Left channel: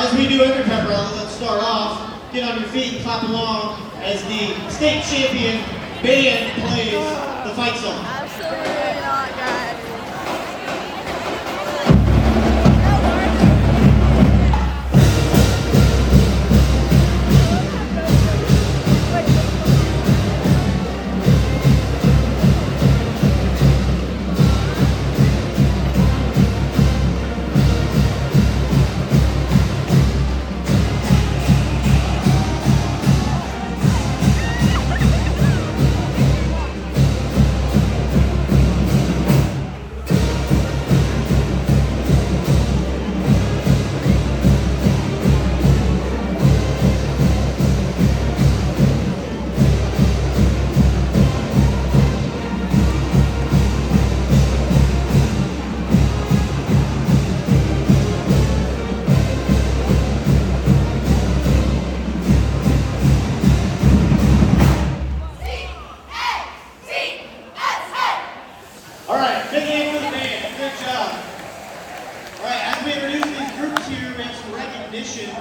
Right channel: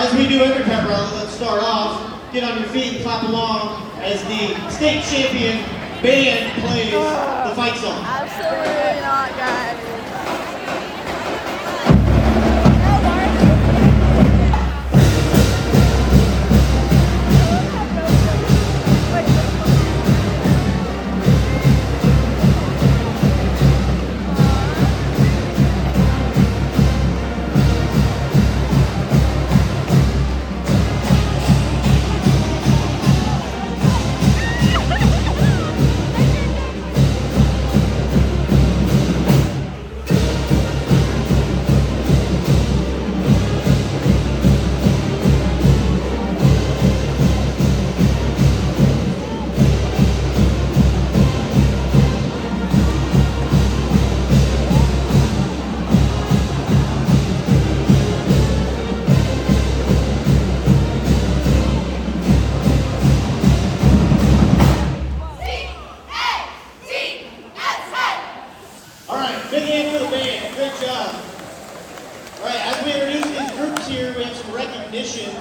As we do every pep rally, let's start off. Get on your feet, clap along as the state champion band plays the fight song. Absolutely not, guys.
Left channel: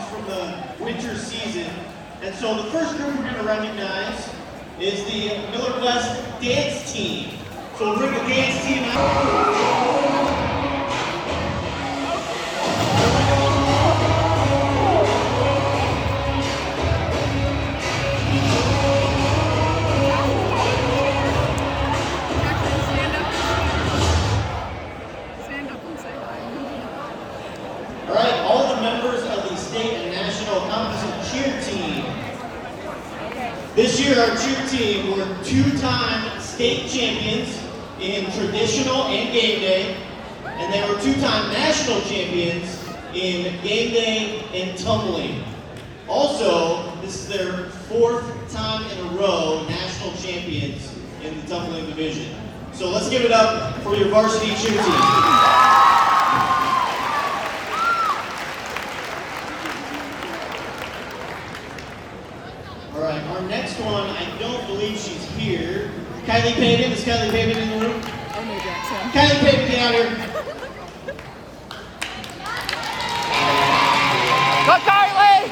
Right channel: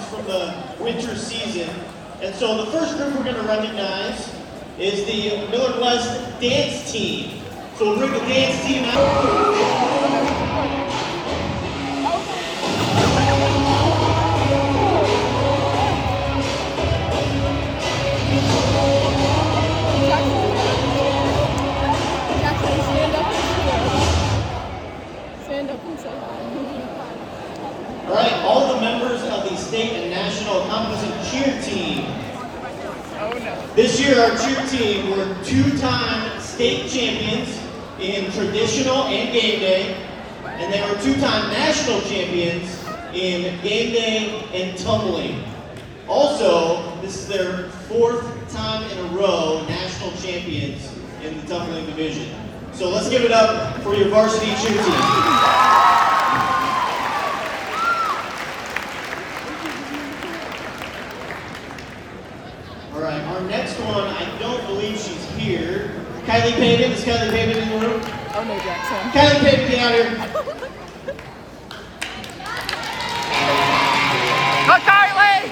From the winter season. And so the first group we're going to recognize is the Nevada.This dance team. So we'll bring the dance team out. Cheer team. This year our cheer team were two-time state champions in traditional and game day, and they were two-time national champions in game day and tumbling. Also, this is their fourth time in a row national champions in the tumbling division. So let's give it up for your varsity cheer team. All right, our next one, I don't believe she's here. Kylie Pavin, is Kylie Pavin in the room? Oh no, Jackson. Kylie Pavin, get out here. Go Kylie!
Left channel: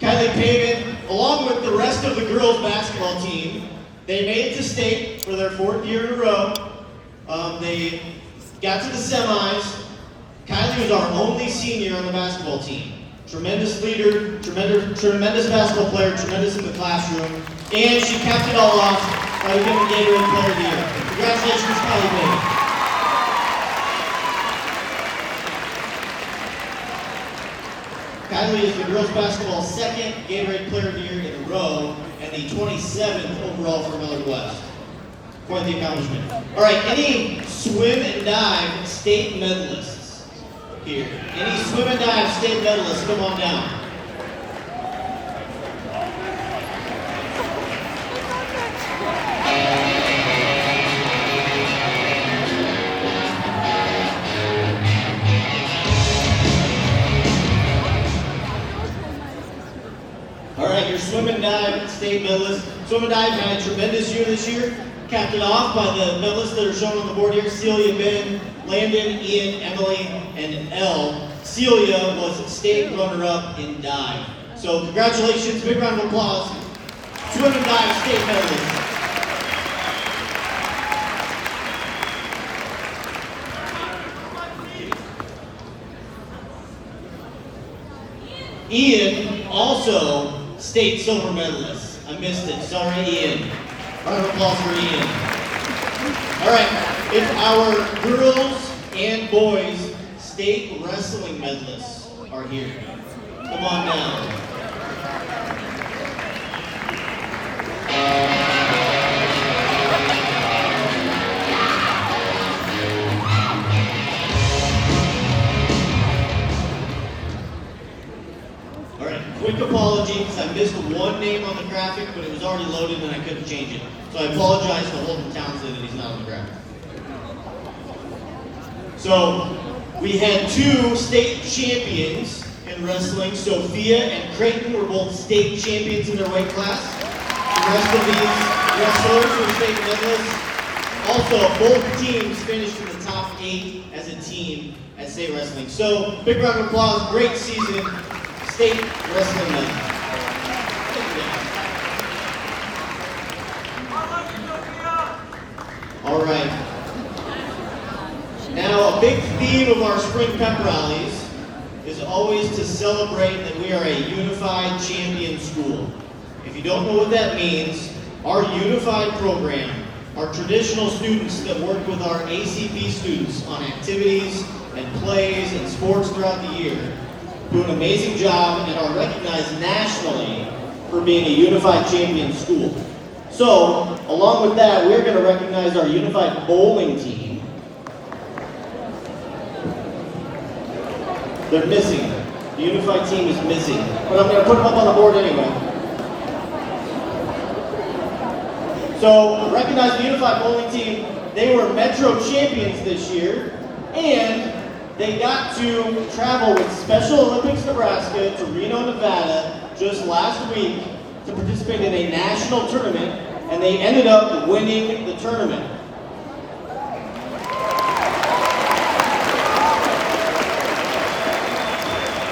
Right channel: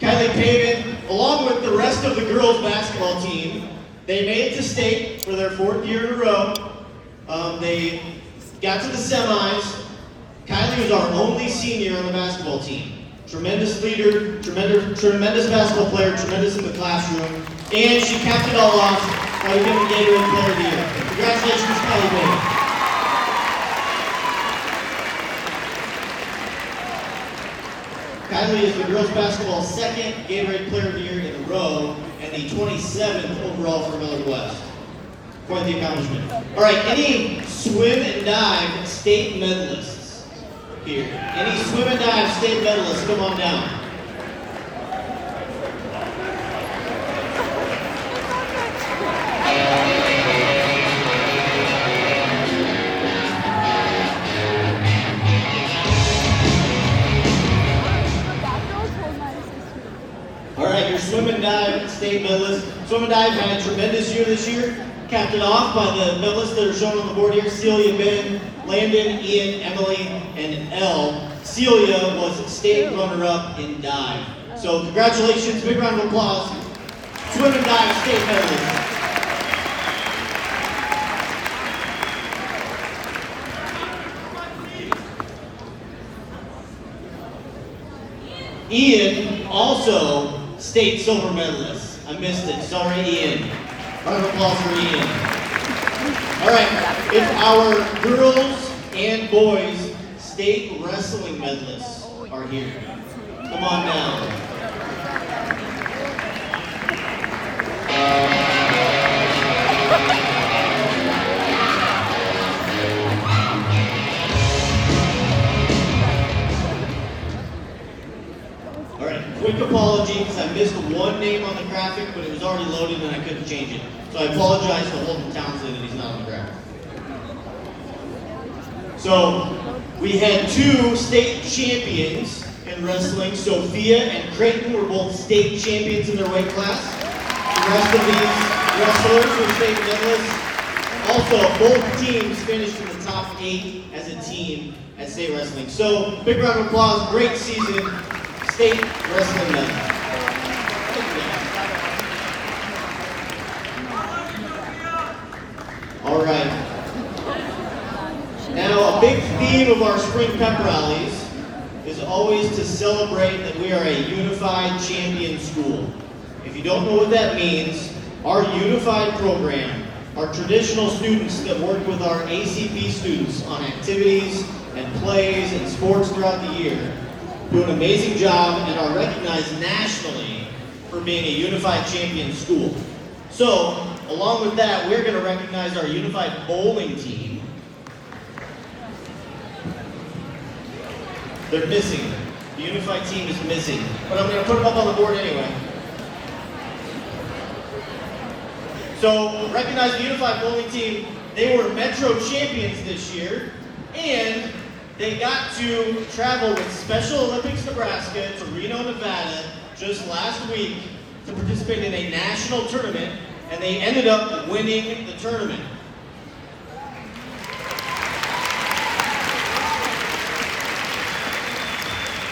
Kylie Pavin, along with the rest of the girls basketball team, they made it to state for their fourth year in a row. They got to the semis. Kylie was our only senior on the basketball team. Tremendous leader, tremendous basketball player, tremendous in the classroom, and she capped it all off by winning the Gatorade Player of the Year. Congratulations, Kylie Pavin. Kylie is the girls basketball second Gatorade Player of the Year in a row, and the 27th overall for Nevada.This. Quite the accomplishment. All right, any swim and dive state medalists here? Any swim and dive state medalists, come on down. All right, your swim and dive state medalists. Swim and dive had a tremendous year this year. Capped it off by the medalists that are shown on the board here: Celia, Ben, Landon, Ian, Emily, and Elle. Celia was state runner-up in dive. So congratulations, big round of applause. Swim and dive state medalists. Ian, also state silver medalist. I missed it, sorry Ian. Round of applause for Ian. All right, if our girls and boys state wrestling medalists are here, come on down. All right, quick apologies. I missed one name on the graphic, but it was already loaded and I couldn't change it. So I apologize to Holden Townsend that he's not on the graphic. So we had two state champions in wrestling. Sophia and Creighton were both state champions in their weight class. The rest of these wrestlers were state medalists. Also, both teams finished in the top 8 as a team at state wrestling. So, big round of applause, great season, state wrestling night. All right. Now, a big theme of our Spring Pep Rallies is always to celebrate that we are a unified champion school. If you don't know what that means, our unified program, our traditional students that work with our ACP students on activities and plays and sports throughout the year, do an amazing job and are recognized nationally for being a unified champion school. So, along with that, we're going to recognize our unified bowling team. They're missing. The unified team is missing. But I'm going to put them up on the board anyway. So, recognize the unified bowling team. They were Metro champions this year. And they got to travel with Special Olympics Nebraska to Reno, Nevada just last week to participate in a national tournament. And they ended up winning the tournament.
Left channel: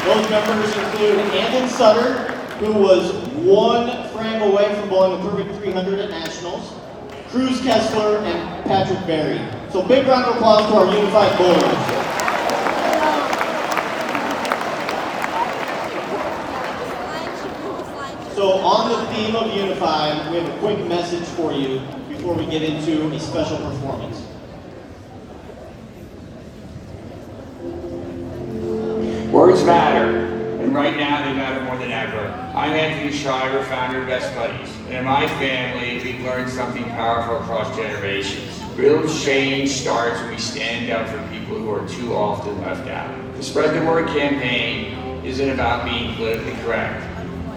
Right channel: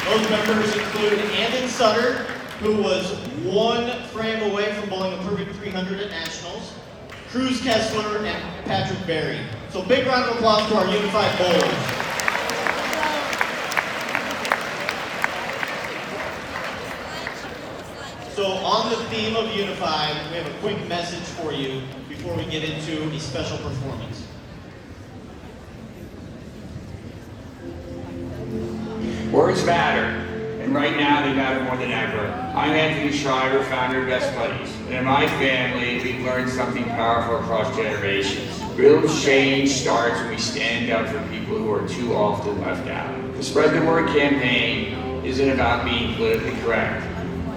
Those members include Andon Sutter, who was 1 frame away from bowling a perfect 300 at nationals, Cruz Kessler, and Patrick Berry. So big round of applause for our unified bowlers. So on the theme of unified, we have a quick message for you before we get into a special performance. Words matter, and right now they matter more than ever. I'm Anthony Shiver, founder of Best Buddies, and in my family, we've learned something powerful across generations. Real change starts when we stand up for people who are too often left out. The Spread the Word campaign isn't about being politically correct.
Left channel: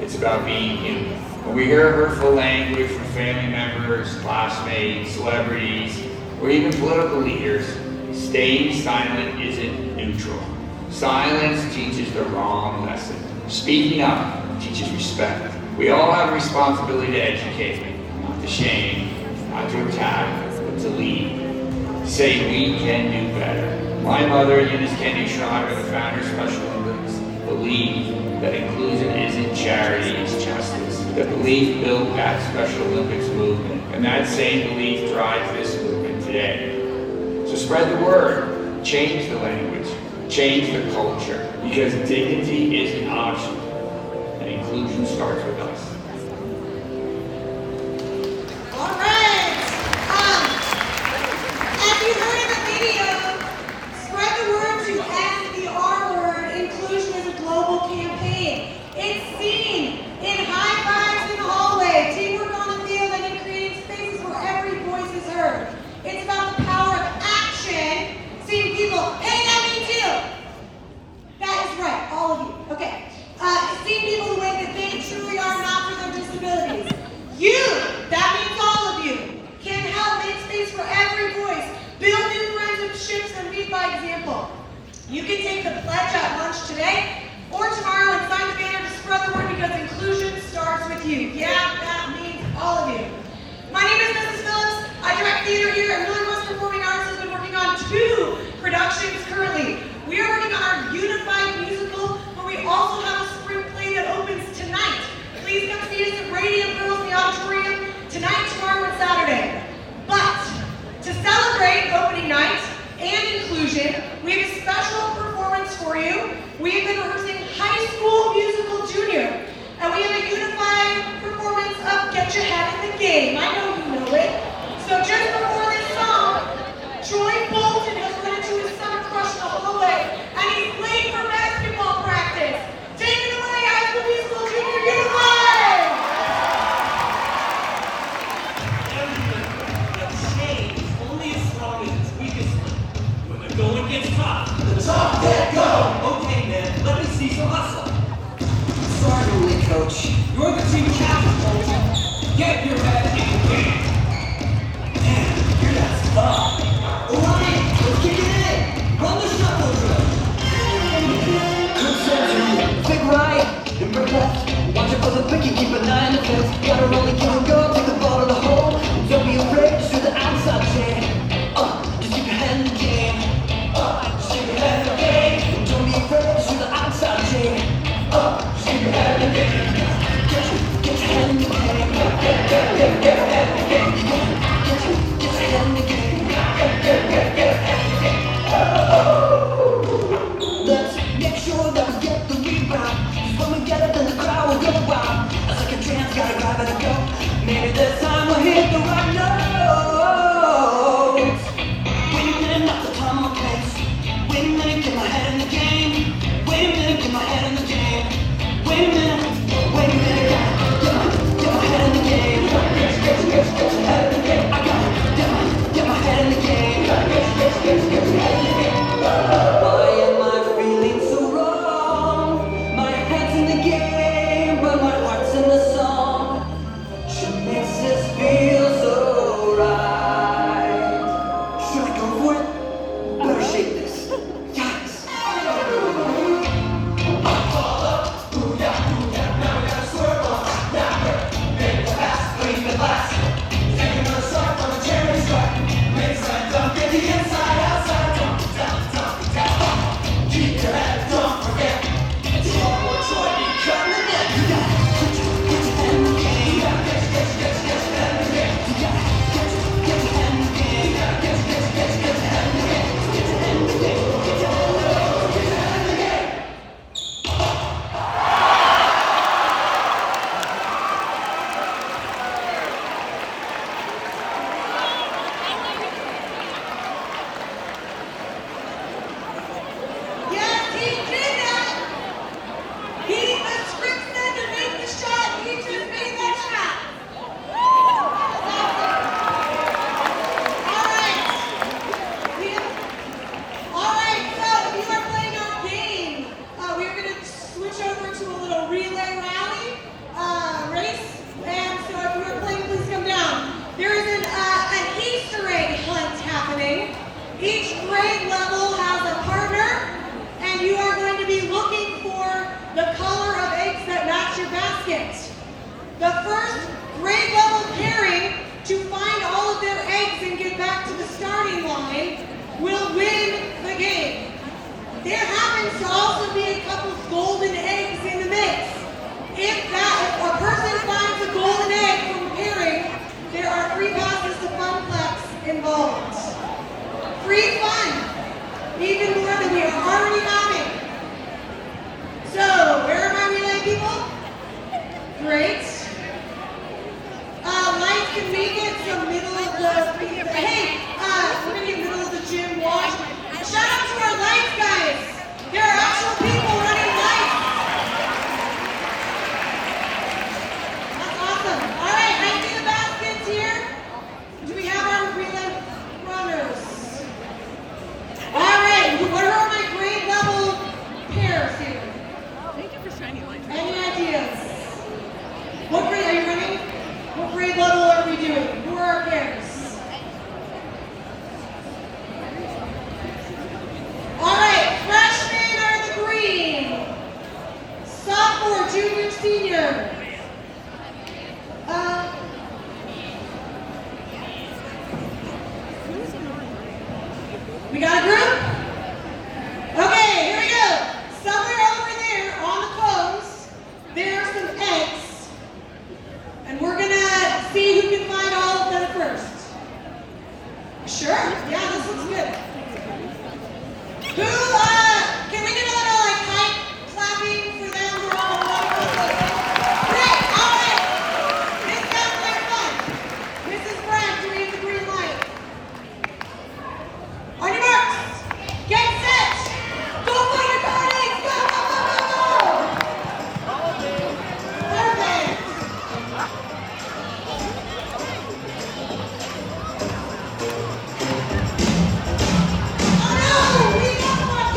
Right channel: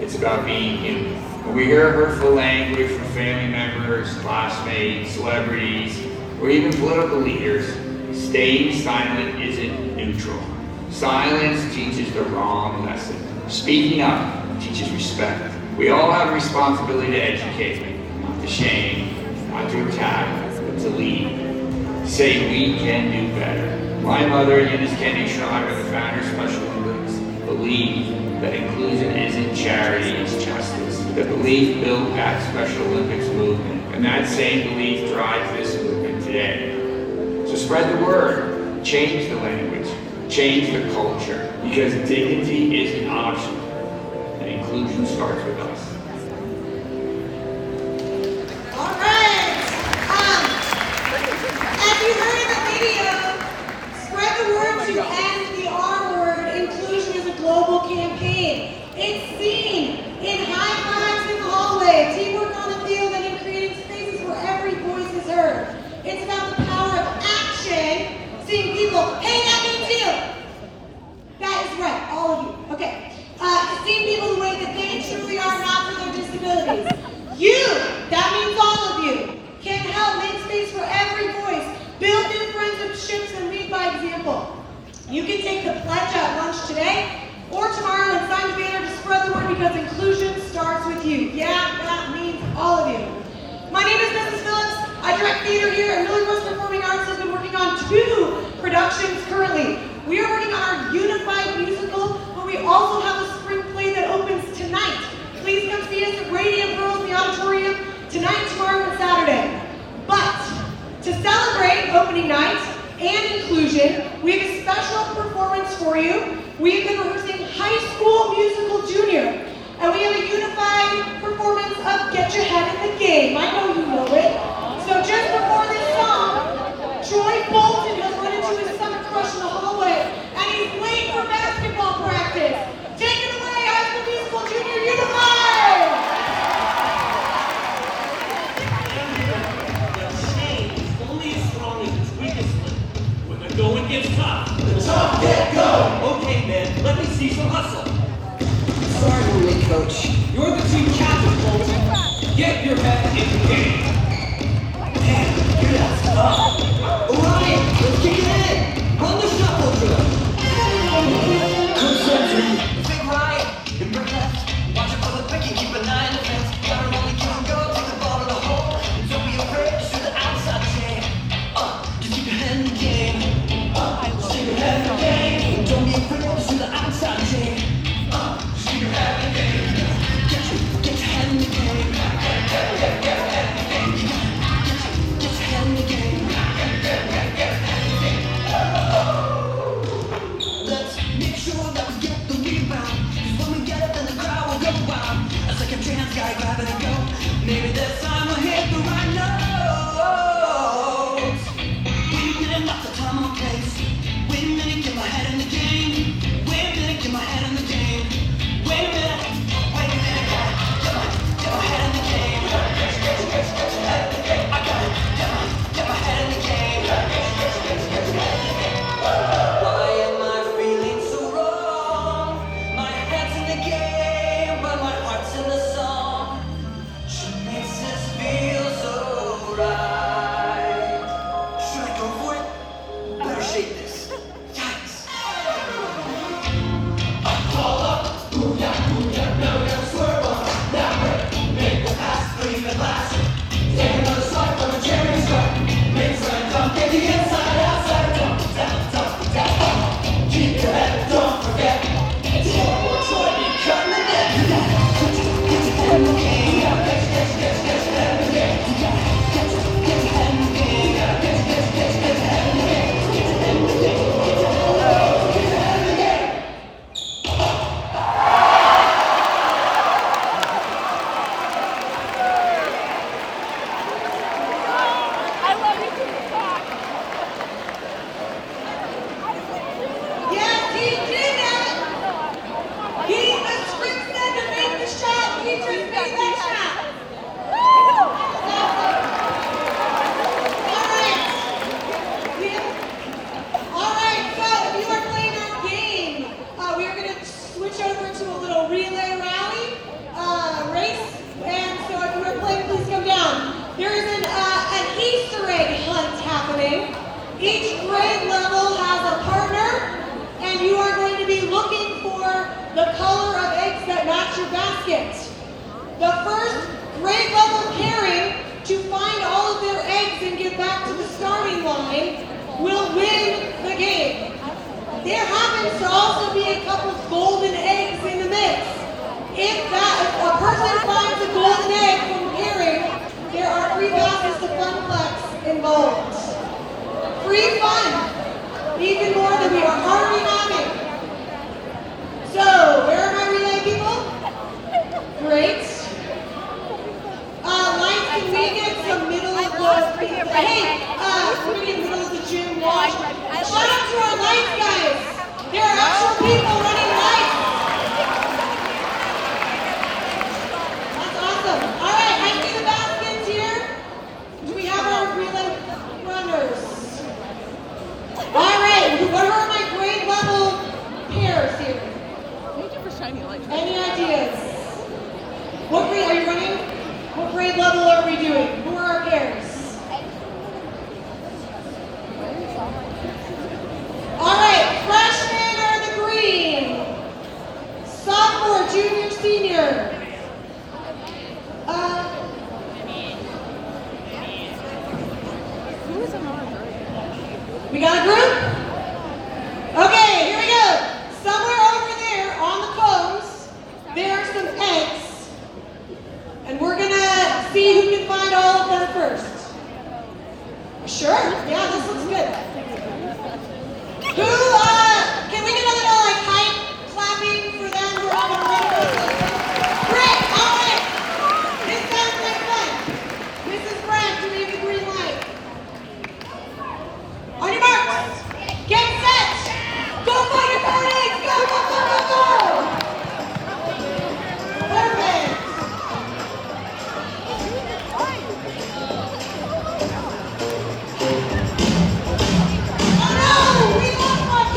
It's about being human. When we hear hurtful language from family members, classmates, celebrities, or even political leaders, staying silent isn't neutral. Silence teaches the wrong lesson. Speaking up teaches respect. We all have a responsibility to educate, not to shame, not to attack, but to lead. Say we can do better. My mother, Eunice Kennedy Schreiber, the founder of Special Olympics, believed that inclusion isn't charity, it's justice. That belief built that Special Olympics movement, and that same belief drives this movement today. So spread the word, change the language, change the culture, because dignity isn't optional, and inclusion starts with us. All right. As you heard in the video, spread the word to end the R word. Inclusion is a global campaign. It's seen in high fives in the hallway, teamwork on the field, and in creating spaces where every voice is heard. It's about the power of action, seeing people, hey, that means you. That is right, all of you. Okay. Seeing people the way that they truly are, not for their disabilities. You, that means all of you, can help make space for every voice, build new friendships, and lead by example. You can take the pledge at lunch today or tomorrow and sign the banner to spread the word, because inclusion starts with you. Yeah, that means all of you. My name is Mrs. Phillips. I direct theater here at Really West Performing Arts. I've been working on 2 productions currently. We are working on our unified musical, where we also have a spring play that opens tonight. Please come see us at Radiant Girls in the auditorium tonight, tomorrow, and Saturday. But to celebrate opening night and inclusion, we have a special performance for you. We've been rehearsing High School Musical Junior, and we have a unified performance of Get Your Head in the Game. I know you know it. So just before this song, Troy Bolton has run into his summer crush in the hallway, and he's late for basketball practice. Take it away, High School Musical Junior Unified! That change is only as strong as its weakest link. When the going gets tough, the tough get go! Okay, man, let me see some hustle. Sorry, Lily, coach. You're the team captain, coach. Get your head in the game. Damn, you're that stuff. Orion, let's kick it in. Run the shuffle drill. Coach Anthony, big right, number left. Watch it for the picky, keep an eye on the fence. Gotta run the camera, take the ball to the hole. breaks through the outside chain. Just keep your head in the game. Just keep your head in the game. Don't be afraid through the outside chain. Just keep your head in the game. Get your head in the game. Get your head in the game. Get your head in the game. Let's make sure that we get the rebound. When we get it, then the crowd will go wild. It's like a trance, gotta drive it and go. Maybe this time we'll hit the right notes. Winning at the common place. Winning, get my head in the game. Winning, get my head in the game. Winning, get my head in the game. Get your head in the game. I got it. Get my head in the game. Get your head in the game. Why am I feeling so wrong? My head's in the game, but my heart's in the song. She makes this feel so right. Should I go for it? Better shake this. Yes. Fall up, booyah, now we gotta swerve on. Now make the pass, clean the glass. Take another strike from a cherry strike. Make slam dunk, get the inside, outside, down. Keep your head, don't forget. It's one more try, you cut the net. You got it. Get your head in the game. You got it. Get your head in the game. You got it. Get your head in the game. You got it. Get your head in the game. Get your head in the game. Get your head in the game. Get your head in the game. Yes, he did that. He, the script said to make the shot. He just made that shot. All right, so if you are playing our game, we are going to switch over to a little relay rally race. And so if you are playing, please come down. There is an Easter egg hunt happening. Each grade level has a partner, and you are going to be looking for the color of eggs that match your basket. The first grade level pairing to find all of their eggs and get back to the starting line will win the game. There happens to also be a couple of golden eggs in the mix. If a person finds a golden egg from pairing, there are free baskets to Funplex involved. Free fun, even more than we are already having. So, where are my relay people? Great. Lights, can we get some middle of the, hey, we're gonna get middle of the gym wash. Shout out to our lights guys. There are actual people running lights. That's awesome. All right, I see the baskets here. Do we have our relay runners? All right, what are my grade level pairs here? Any ideas? What grade are you running? What grade level are we doing? Who are our pairs? All right, freshmen are the green. Sophomore, junior, senior. We got a group? Okay, here we go. Somewhere over there on the cones, there are some eggs. And we're gonna see who can find all of them first. Sure, yeah, this looks good. Who, can we get a little like hype clapping for them who are on the run? Great, all right. This sounds like fun. Mrs. Brand doing the green light. On your marks, get set, go find your card eggs, go, go, go, go, go. Perfect. Oh no, we lost my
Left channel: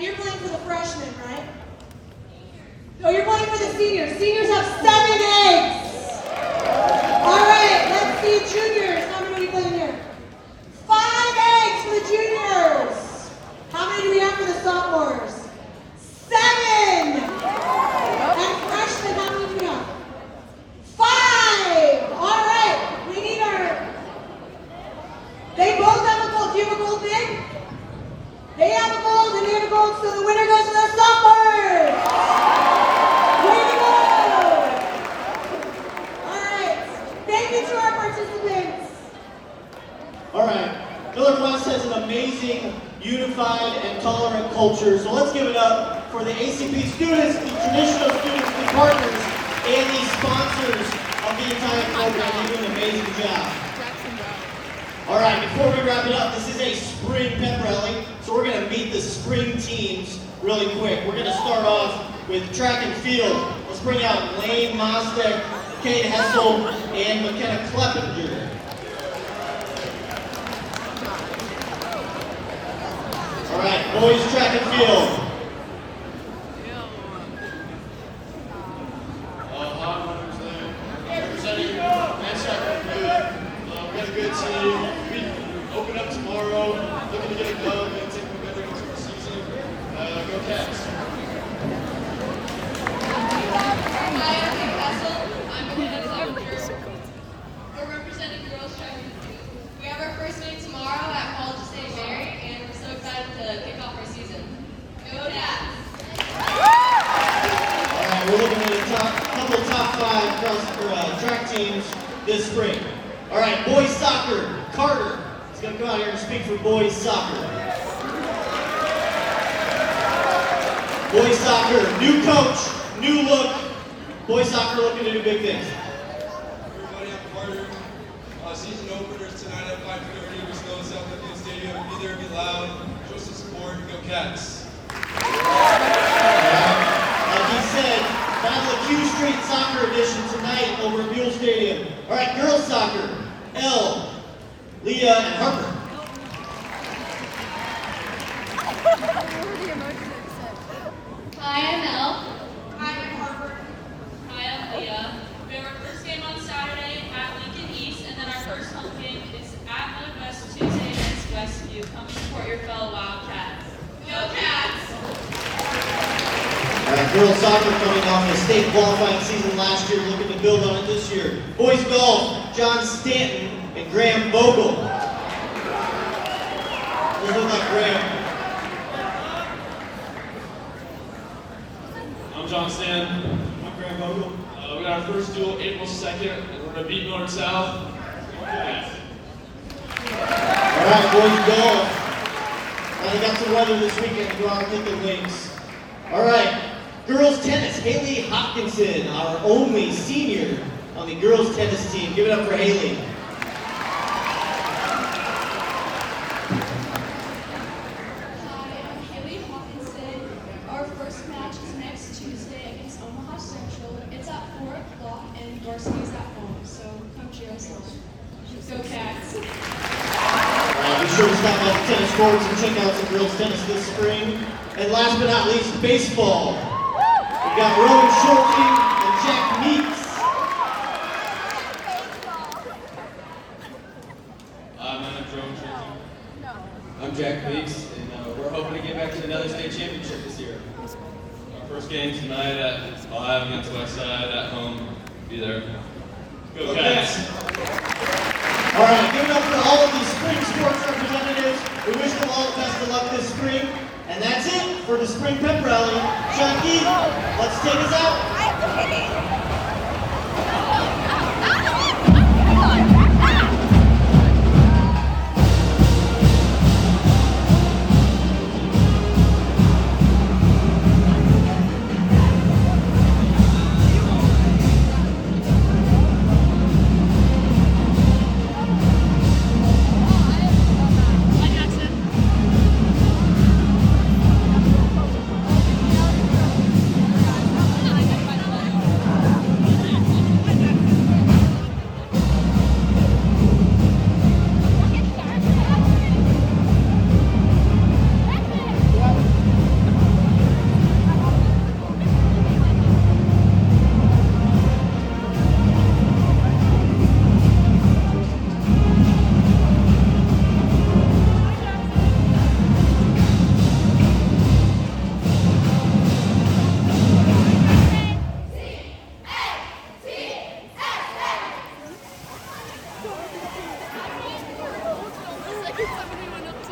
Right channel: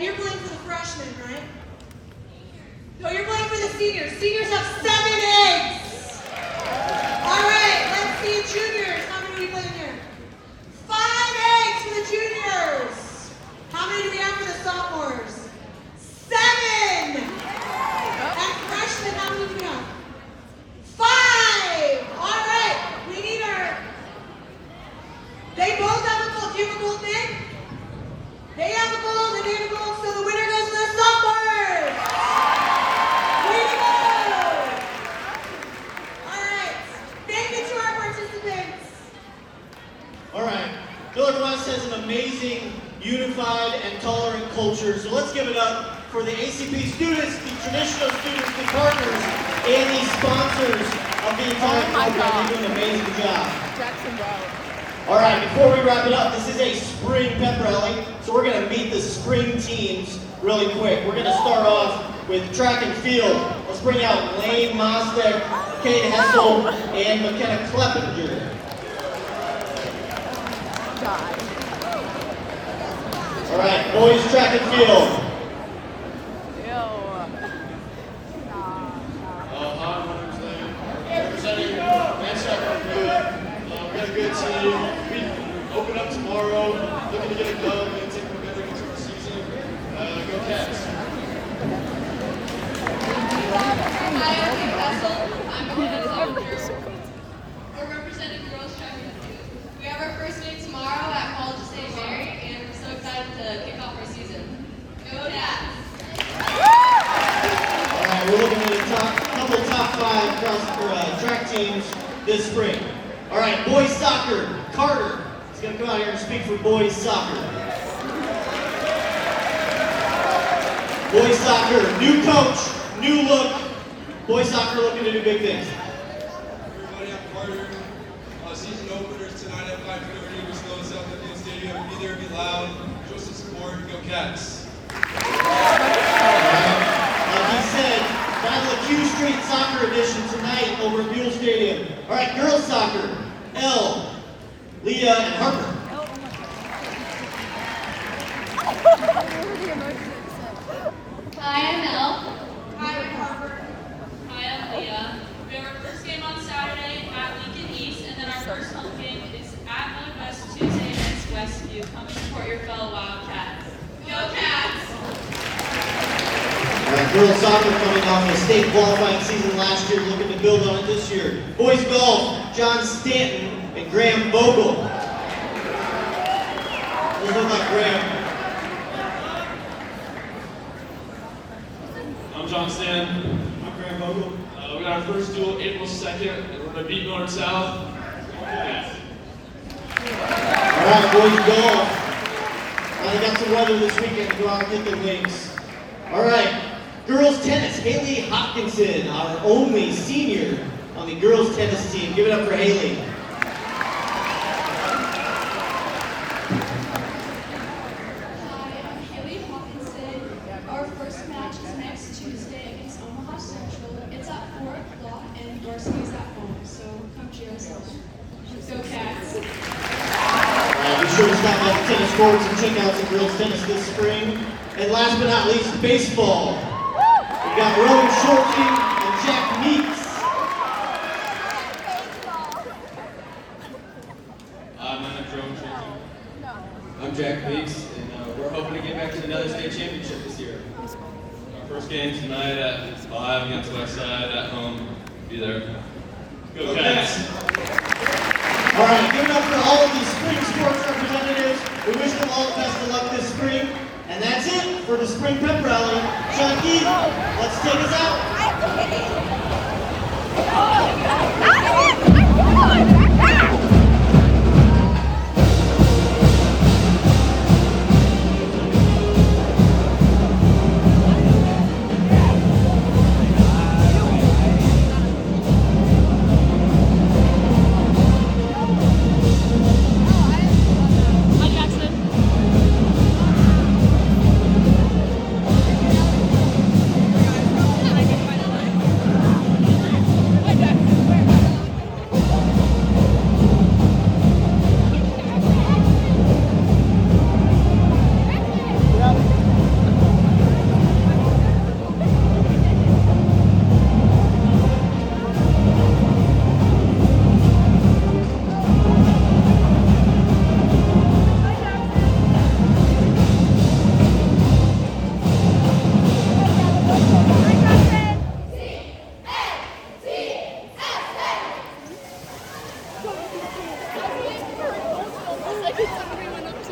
And you're playing for the freshmen, right? No, you're playing for the seniors. Seniors have 7 eggs. All right, let's see juniors. How many are we playing here? 5 eggs for the juniors. How many do we have for the sophomores? 7. And freshmen, how many do we have? 5. All right, we need our. They both have a gold. Do you have a gold, Nick? They have a gold and they have a gold, so the winner goes to the sophomores. Way to go! All right, thank you to our participants. All right, Northwest has an amazing, unified, and tolerant culture. So let's give it up for the ACP students, the traditional students, the partners, and the sponsors of the entire program. They do an amazing job. Jackson Brown. All right, before we wrap it up, this is a Spring Pep Rally, so we're going to meet the spring teams really quick. We're going to start off with track and field. Let's bring out Lane Mostek, Kate Hessel, and McKenna Kleppinger. All right, boys track and field. Hi, my name's Lane. Representing Manchester Good. We got a good team. We open up tomorrow, looking to get it done and take momentum into the season. Go Cats. Hi, I'm Kate Hessel. I'm McKenna Kleppinger. We're representing girls track and field. We have our first meet tomorrow at College of St. Mary, and we're so excited to kick off our season. Go Cats! All right, we're looking at a couple top 5 cross track teams this spring. All right, boys soccer, Carter is going to come out here and speak for boys soccer. Boys soccer, new coach, new look. Boys soccer looking to do big things. Everybody, I'm Carter. Season openers tonight at 5:30. We're still in South Field Stadium. Be there, be loud, show some support, go Cats. Like he said, Battle of Q Street Soccer Edition tonight over at Buell Stadium. All right, girls soccer, Elle, Leah, and Harper. Hi, I'm Elle. Hi, I'm Harper. Hi, I'm Leah. We have our first game on Saturday at Lincoln East, and then our first home game is at Nevada.This Tuesday against Westview. Come support your fellow Wildcats. Go Cats! All right, girls soccer coming off a state qualifying season last year, looking to build on it this year. Boys golf, John Stanton and Graham Vogel. Those look like Graham. I'm John Stan. I'm Graham Vogel. We got our first duel April 2nd, and we're going to beat North South. Yeah. All right, boys golf. They got some weather this weekend to go out and get their wings. All right, girls tennis, Haley Hopkinson, our only senior on the girls tennis team. Give it up for Haley. Hi, I'm Haley Hawkinson. Our first match is next Tuesday against Omaha Central. It's at 4 o'clock and varsity is at home, so come cheer us on. Go Cats! Be sure to stop by the tennis courts and check out some girls tennis this spring. And last but not least, baseball. We've got Rowan Shorty and Jack Meeks. My name's Rowan Shorty. I'm Jack Meeks, and we're hoping to get back to another state championship this year. Our first game tonight at 5 against Westside at home. Be there. Go Cats! All right, give it up for all of these spring sports representatives. We wish them all the best of luck this spring. And that's it for the Spring Pep Rally. Chucky, let's take us out.